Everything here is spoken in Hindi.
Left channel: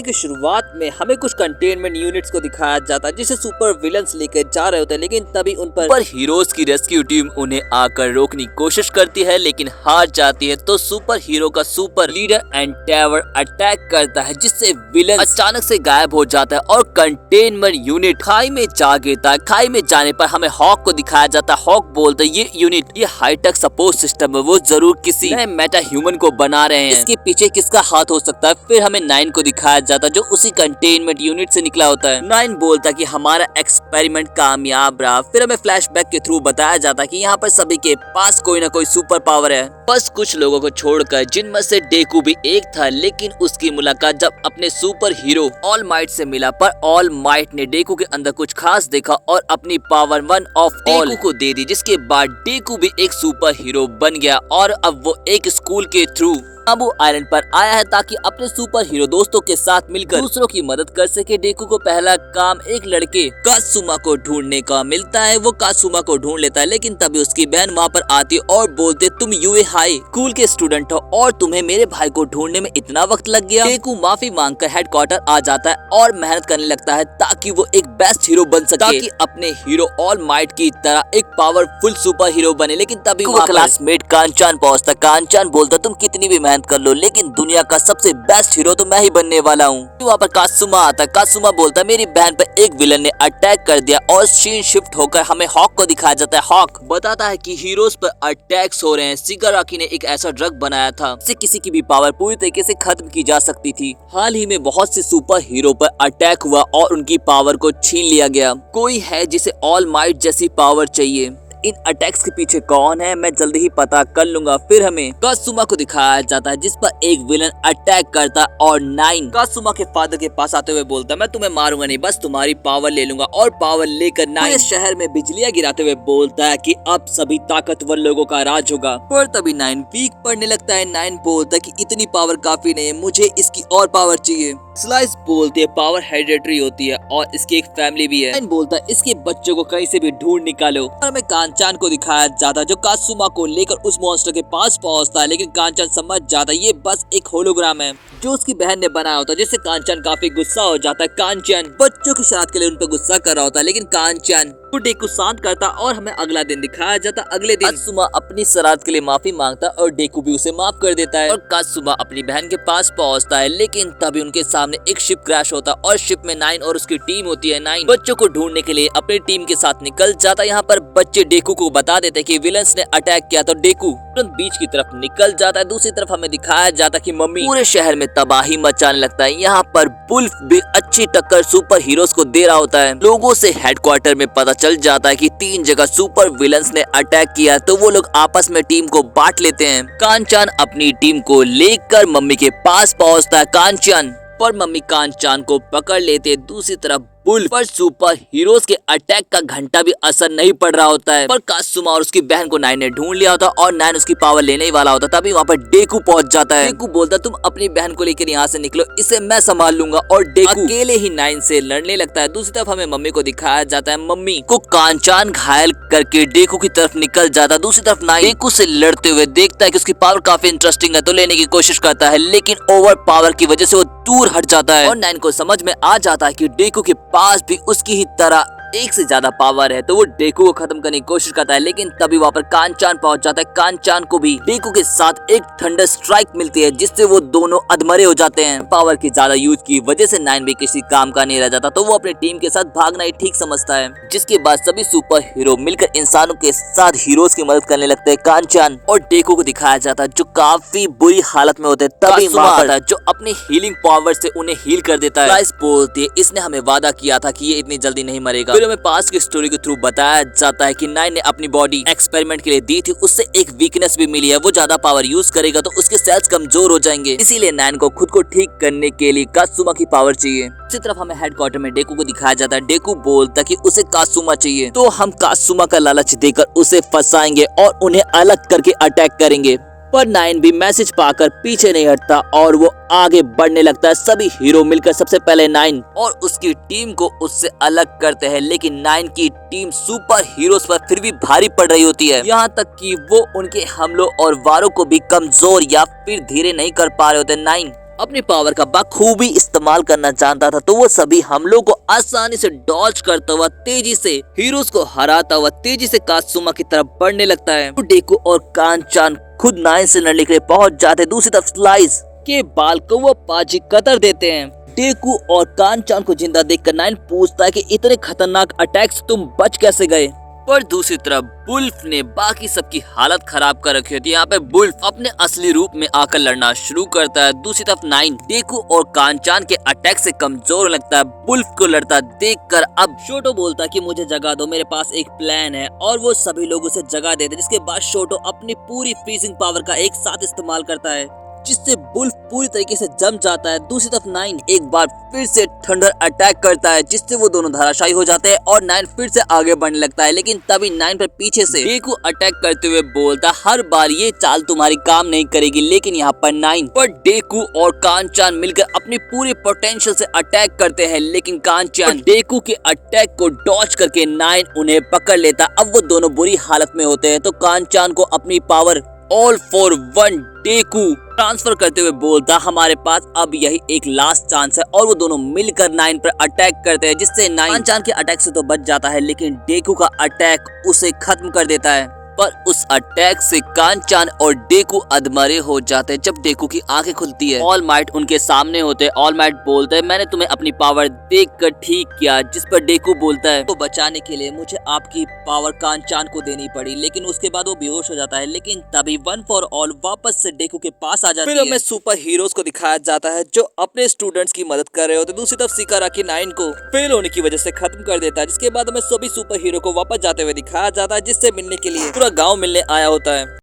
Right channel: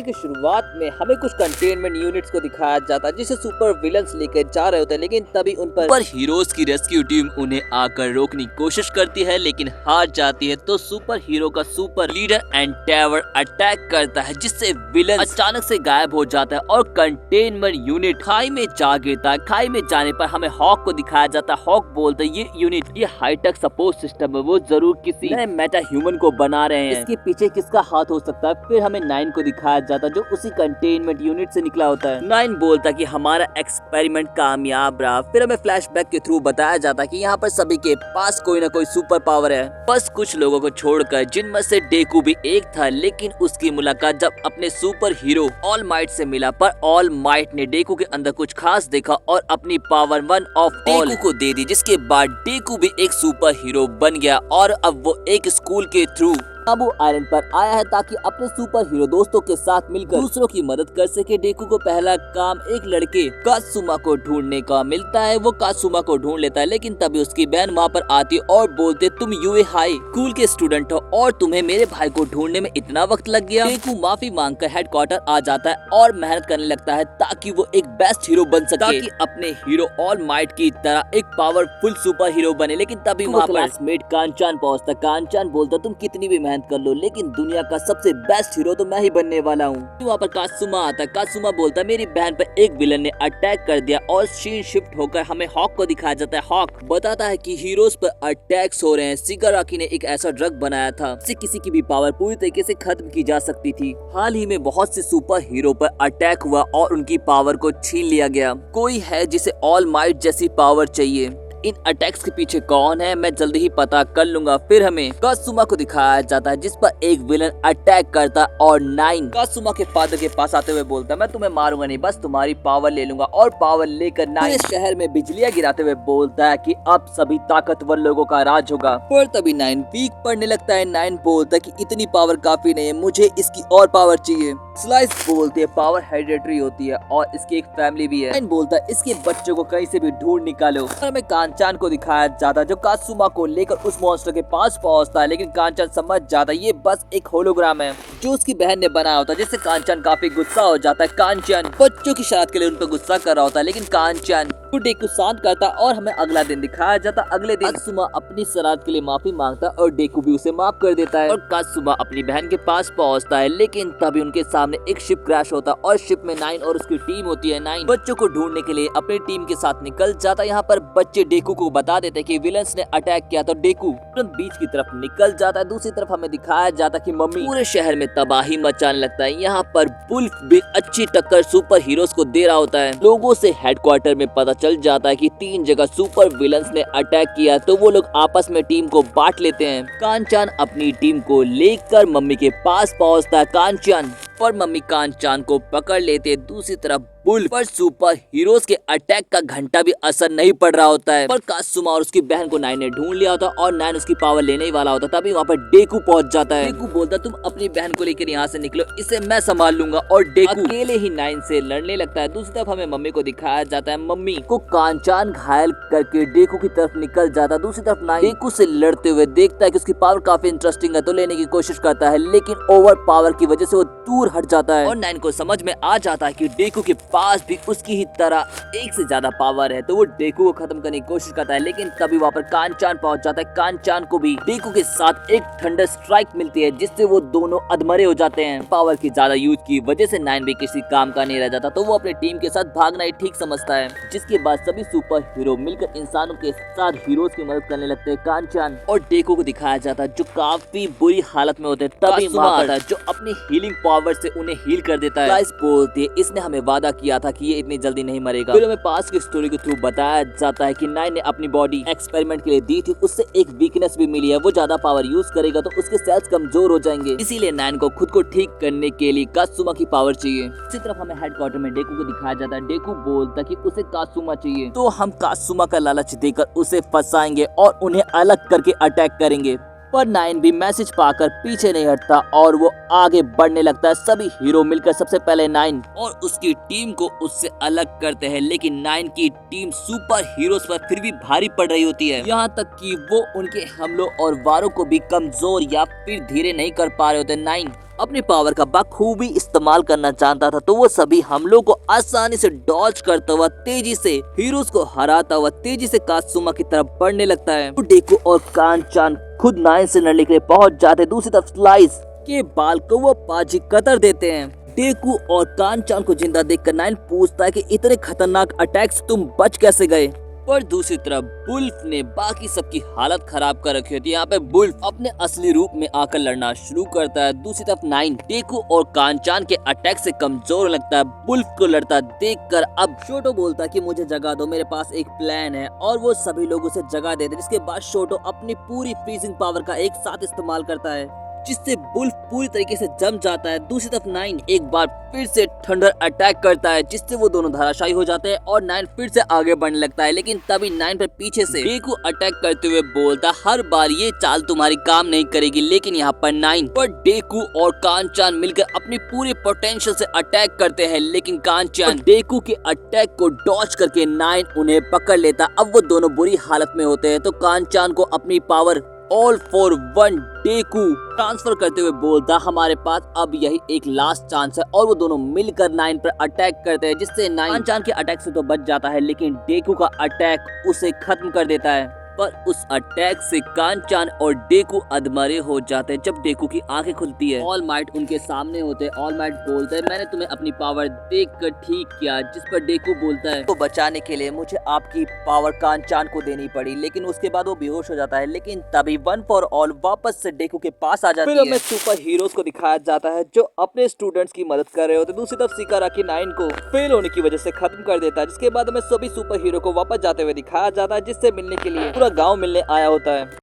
कहानी की शुरुआत में हमें कुछ कंटेनमेंट यूनिट्स को दिखाया जाता है जिसे सुपर विलन्स लेकर जा रहे होते हैं, लेकिन तभी उन पर हीरोज की रेस्क्यू टीम उन्हें आकर रोकने की कोशिश करती है लेकिन हार जाती है। तो सुपर हीरो का सुपर लीडर एंडेवर अटैक करता है जिससे विलन अचानक से गायब हो जाता है और कंटेनमेंट यूनिट खाई में जा गिरता है। खाई में जाने पर हमें हॉक को दिखाया जाता है। हॉक बोलता है ये यूनिट ये हाईटेक सपोर्ट सिस्टम है, वो जरूर किसी नए मेटा ह्यूमन को बना रहे हैं, इसके पीछे किसका हाथ हो सकता है। फिर हमें नाइन को दिखाया जाता है जो उसी कंटेनमेंट यूनिट से निकला होता है। नाइन बोलता है कि हमारा एक्सपेरिमेंट कामयाब रहा। फिर हमें फ्लैशबैक के थ्रू बताया जाता है कि यहाँ पर सभी के पास कोई ना कोई सुपर पावर है, बस कुछ लोगों को छोड़कर, जिनमें से डेकू भी एक था। लेकिन उसकी मुलाकात जब अपने super hero all might say मिला, पर ऑल माइट ने डेकू के अंदर कुछ खास देखा और अपनी पावर वन ऑफ ऑल को दे दी, जिसके बाद डेकू भी एक सुपर हीरो बन गया और अब वो एक स्कूल के थ्रू काबू आइलैंड पर आया है ताकि अपने सुपर हीरो दोस्तों के साथ मिलकर दूसरों की मदद कर सके। डेकू को पहला काम एक लड़के कात्सुमा को ढूंढने का मिलता है। वो कात्सुमा को ढूंढ लेता है लेकिन तभी उसकी बहन वहाँ पर आती है और बोलते तुम यूए हाई स्कूल के स्टूडेंट हो और तुम्हें मेरे भाई को ढूंढने में इतना वक्त लग गया। डेकू माफी मांगकर हेडक्वार्टर आ जाता है और मेहनत करने लगता है ताकि वो एक बेस्ट हीरो बन सके, ताकि अपने हीरो ऑल माइट की तरह एक पावरफुल सुपर हीरो बने। लेकिन तभी वहाँ क्लासमेट कांचान पहुँचता। कांचान बोलता तुम कितनी भी मेहनत कर लो लेकिन दुनिया का सबसे बेस्ट हीरो तो मैं ही बनने वाला हूँ। वहाँ पर कात्सुमा आता है। कात्सुमा बोलता मेरी बहन पर एक विलन ने अटैक कर दिया और सीन शिफ्ट होकर हमें हॉक को दिखाया जाता है। हॉक बताता है कि हीरोज पर अटैक्स हो रहे हैं। शिगाराकी ने एक ऐसा ड्रग बनाया था जिससे किसी की भी पावर पूरी तरीके से खत्म की जा सकती थी। हाल ही में बहुत से सुपर हीरो पर अटैक हुआ और उनकी पावर को छीन लिया गया। कोई है जिसे ऑल माइट जैसी पावर चाहिए। इन अटैक्स के पीछे कौन है मैं जल्दी ही पता कर लूंगा। फिर हमें कात्सुमा को दिखाया जाता है जिस पर एक विलन अटैक करता और नाइन कात्सुमा के फादर के पास आते हुए बोलता मैं तुम्हें मारूंगा नहीं, बस तुम्हारी पावर ले लूंगा। और पावर लेकर नाइन शहर में बिजलियां गिराते हुए बोलता है कि अब सभी ताकतवर लोगों का राज होगा। पर तभी नाइन वीक पड़ने लगता है। नाइन बोलता है कि इतनी पावर काफी नहीं है, मुझे इसकी और पावर चाहिए। स्लाइस बोलती है पावर हेरिडिटरी होती है और इसकी एक फैमिली भी है। नाइन बोलता है इसके बच्चों को कहीं से भी ढूंढ निकालो। और हमें कांचान को दिखाया जाता है जो कात्सुमा को लेकर उस मॉन्स्टर के पास पहुंचता है, लेकिन कांचान समझ जाता है ये बस एक होलोग्राम है जो उसकी बहन ने बनाया होता है, जिससे कांचान काफी गुस्सा हो जाता है। कांचान बच्चों की शरारत के लिए उन पर गुस्सा कर रहा होता है लेकिन कांचान डेकू शांत करता और हमें अगला दिन दिखाया जाता। अगले दिन कात्सुमा अपनी शरारत के लिए माफी मांगता और डेकू भी उसे माफ कर देता है और कात्सुमा अपनी बहन के पास पहुंचता है। लेकिन तभी उनके सामने एक शिप क्रैश होता और शिप में नाइन और उसकी टीम होती है। नाइन बच्चों को ढूंढने के लिए अपनी टीम के साथ निकल जाता है। यहाँ पर बच्चे डेकू को बता देते कि विलन्स ने अटैक किया तो डेकू तुरंत बीच की तरफ निकल जाता है। दूसरी तरफ हमें दिखाया जाता कि मम्मी पूरे शहर में तबाही मचाने लगता है। यहाँ पर वुल्फ भी अच्छी टक्कर सुपर हीरोज को दे रहा होता है। लोगों से हेडक्वार्टर में पता चल जाता है कि 3 जगह सुपर विलन्स ने अटैक किया, तो वो लोग आपस में टीम को बांट लेते हैं। कांचान अपनी टीम को लेकर मम्मी के पास पहुंचता है। कांचान पर मम्मी कांचान को पकड़ लेते। दूसरी तरफ वुल्फ पर सुपर हीरोज के अटैक का घंटा भी असर नहीं पड़ रहा होता है। पर कात्सुमा और उसकी बहन को नाइन ने ढूंढ लिया होता और नाइन उसकी पावर लेने ही वाला होता। तभी वहाँ पर डेकू पहुंच जाता है। डेकू बोलता तुम अपनी बहन को लेकर यहाँ से निकलो, इसे मैं संभाल लूंगा। और डेकू अकेले ही नाइन से लड़ने लगता है। दूसरी तरफ हमें मम्मी को दिखाया जाता है। मम्मी को कांचान घायल करके डेकू की तरफ निकल जाता है। दूसरी तरफ नाइन डेकू से लड़ते हुए देखता है कि उसकी पावर काफी इंटरेस्टिंग है तो लेने की कोशिश करता है, लेकिन ओवर पावर की वजह से वो दूर हट जाता है। और नाइन को समझ में आ जाता है कि डेकू के पास भी उसकी ही तरह एक से ज्यादा पावर है, तो वो डेकू को खत्म करने की कोशिश करता है। लेकिन तभी वहाँ पर कांचान पहुंच जाता है। कांचान को भी डेकू के साथ एक थंडर स्ट्राइक मिलती है जिससे वो दोनों अधमरे हो जाते हैं। पावर की ज्यादा यूज की वजह से नाइन भी किसी काम का नहीं रह जाता, तो वो अपनी टीम के साथ भागना ही ठीक समझता है। जिसके बाद सभी सुपर हीरो मिलकर इंसानों के साथ हीरोज की मदद करने लगते हैं। कांचान और डेकू को दिखाया जाता है जो काफी बुरी हालत में होते हैं। तभी वहाँ जो अपनी हीलिंग पावर से उन्हें हील कर देता है। स्लाइस बोलती है इसने हमें वादा किया था कि ये इतनी जल्दी नहीं मरेगा। फिर हमें पास्ट की स्टोरी के थ्रू बताया जाता है कि नाइन ने अपनी बॉडी एक्सपेरिमेंट के लिए दी थी, उससे एक वीकनेस भी मिली है। वो ज्यादा पावर यूज करेगा तो उसके सेल्स कमजोर हो जाएंगे, इसीलिए नाइन को खुद को ठीक करने के लिए कात्सुमा की पावर चाहिए। इसी तरफ हमें हेडक्वार्टर में डेकू को दिखाया जाता है। डेकू बोलता कि उसे कात्सुमा चाहिए, तो हम कात्सुमा का लालच देकर उसे फंसाएंगे और उन्हें अलग करके अटैक करेंगे। पर नाइन भी मैसेज पाकर पीछे नहीं हटता और वो आगे बढ़ने लगता है। सभी हीरो मिलकर सबसे पहले नाइन और उसकी टीम को उससे अलग करते हैं, लेकिन नाइन की टीम सुपर हीरोज पर फिर भी भारी पड़ रही होती है। यहाँ तक कि वो उनके हमलों और वारों को भी कमजोर या फिर धीरे नहीं कर पा रहे होते। नाइन अपनी पावर का बखूबी इस्तेमाल करना जानता था, तो वो सभी हमलों को आसानी से डॉज करता हुआ तेजी से हीरोज को हराता हुआ तेजी से कात्सुमा की तरफ बढ़ने लगता है। तो डेकू और कान-चान खुद नाइन से लड़ने के लिए पहुंच जाते। दूसरी तरफ स्लाइस के बाल को वो पाजी कतर देते हैं। डेकू और कान-चान को जिंदा देखकर नाइन पूछता है कि इतने खतरनाक अटैक से तुम बच कैसे गए। पर दूसरी तरफ बुल्फ ने बाकी सबकी हालत खराब कर रखी होती है। यहाँ पे बुल्फ अपने असली रूप में आकर लड़ना शुरू करता है। दूसरी तरफ नाइन डेकू और कान-चान के अटैक से कमजोर लगता है। बुल्फ को लड़ता देखकर अब शोटो बोलता है कि मुझे जगह दो, मेरे पास एक प्लान है, और वो सभी लोग उसे जगह देते। जिसके बाद शोटो अपनी पूरी फ्रीजिंग पावर का एक साथ इस्तेमाल करता है, जिससे बुल्फ पूरी तरीके से जम जाता है। दूसरी तरफ नाइन एक बार फिर से थंडर अटैक करता है, जिससे वो दोनों धराशायी हो जाते हैं और नाइन फिर से आगे बढ़ने लगता है। लेकिन तभी नाइन पर पीछे से डेकू अटैक करते हुए बोलता, हर बार ये चाल तुम्हारी काम नहीं करेगी। लेकिन यहाँ पर नाइन पर डेकू और कान-चान मिलकर अपनी पूरी पोटेंशियल से अटैक करते हैं, लेकिन कान-चान डेकू के अटैक को डॉज करके नाइन उन्हें पकड़ लेता। अब वो दोनों बुरी हालत में होते हैं, तो कान-चान को अपनी power all for one डेकू transfer करते हुए बोलता, हमारे पास अब यही एक लास्ट चांस है, और वो दोनों मिलकर नाइन पर अटैक करते हैं, जिससे नाइन कान-चान के अटैक से तो बच जाता है, लेकिन डेकू का अटैक उसे खत्म कर देता है। पर उस अटैक से कान-चान और डेकू अधमरे हो जाते हैं। जब डेकू की आंखें खुलती है, ऑल माइट उनके सामने होते हैं। ऑल माइट बोलते हैं, मैंने तुम्हें अपनी पावर देखकर ठीक किया। जिस पर डेकू बोलता है, तो बचाने के लिए मुझे आपकी पावर कान-चान को देनी पड़ी। लेकिन उसके बाद वो बेहोश हो जाता है। लेकिन तभी वन फॉर ऑल वापस से डेकू के पास आ जाती है। फिर हमें सुपर हीरोज को दिखाया जाता है जो अपने स्टूडेंट्स की मदद कर रहे होते। दूसरी तरफ शिकाराकी नाइन को फेल होने की वजह से खत्म कर देता है। जिसके बाद हमें सभी सुपर हीरो को वापस जाते हुए दिखाया जाता है, जिससे मिलने के लिए पूरा गांव मिलने आया होता है।